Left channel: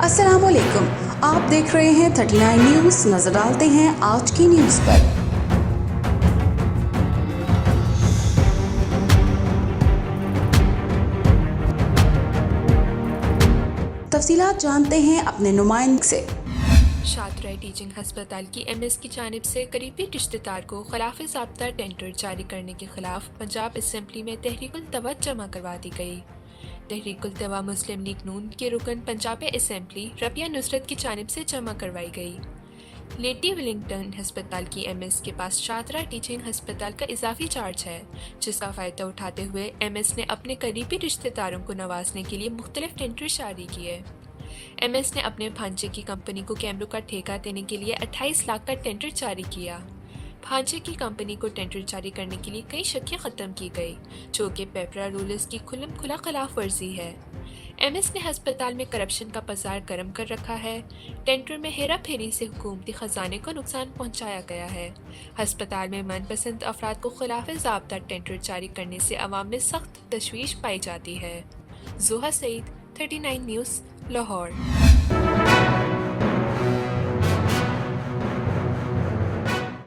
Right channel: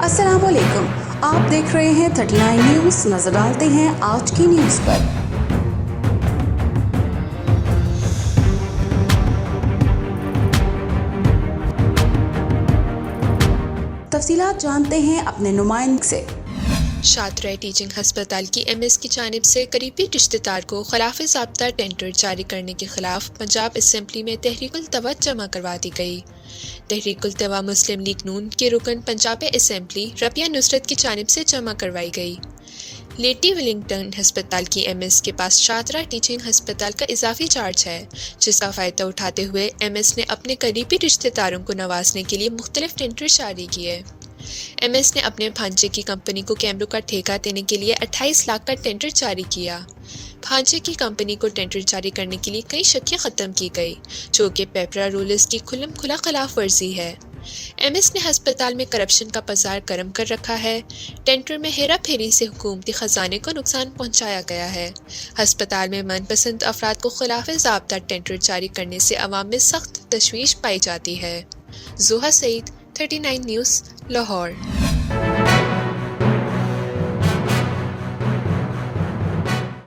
السلام علیکم، آپ دیکھ رہے ہیں 39 نیوز۔ نظر ڈالتے ہیں آج کی نیوز پر۔ تفصیلات جانتے ہیں اپنے نمائندے سے۔ شاہترائے ٹیچنگ ہسپتال کی ایم ایس کی جانب سے قریبی رشتہ دار کو خلاف ضابطہ ٹینڈر جاری کرنے کے خلاف پنجاب اسمبلی میں تحریک التوا جمع کروا دی گئی۔ تحریک التوا مسلم لیگ نون کے رکن پنجاب اسمبلی ربیہ نصرت کی جانب سے جمع کروائی گئی۔ لیڈی ولنگٹن ہسپتال کی ایم ایس کے پاس شاہترائے ٹیچنگ ہسپتال کا اضافی چارج ہے، جس کا فائدہ اٹھاتے ہوئے ایم ایس نے اپنے قریبی رشتہ داروں کو نوازنے کے لیے مختلف ٹینڈر جاری کیے۔ ایم ایس نے اپنے بھانجے کی کمپنی کو کیمروں کا ٹھیکہ دینے کے لیے 28 لاکھ کا ٹینڈر جاری کیا۔ بھانجے کی کمپنی کو ٹینڈر جاری کرنے کے لیے کئی شکیں ختم کی گئی، جو کہ پیپرا رولز کی کھلم کھلا خلاف ورزی ہے۔ ایم ایس نے ہسپتال میں کرپشن کا بازار گرم کر رکھا ہے۔ ٹینڈر میں ہیرا پھیری سے حکومتی خزانے کو نقصان پہنچایا گیا ہے۔ ہسپتال میں من پسند افراد کو خلاف ضابطہ ٹینڈر جاری کرنے سے عوام میں سخت تشویش پائی جاتی ہے۔ زوہا سعید، 39 نیوز، لاہور۔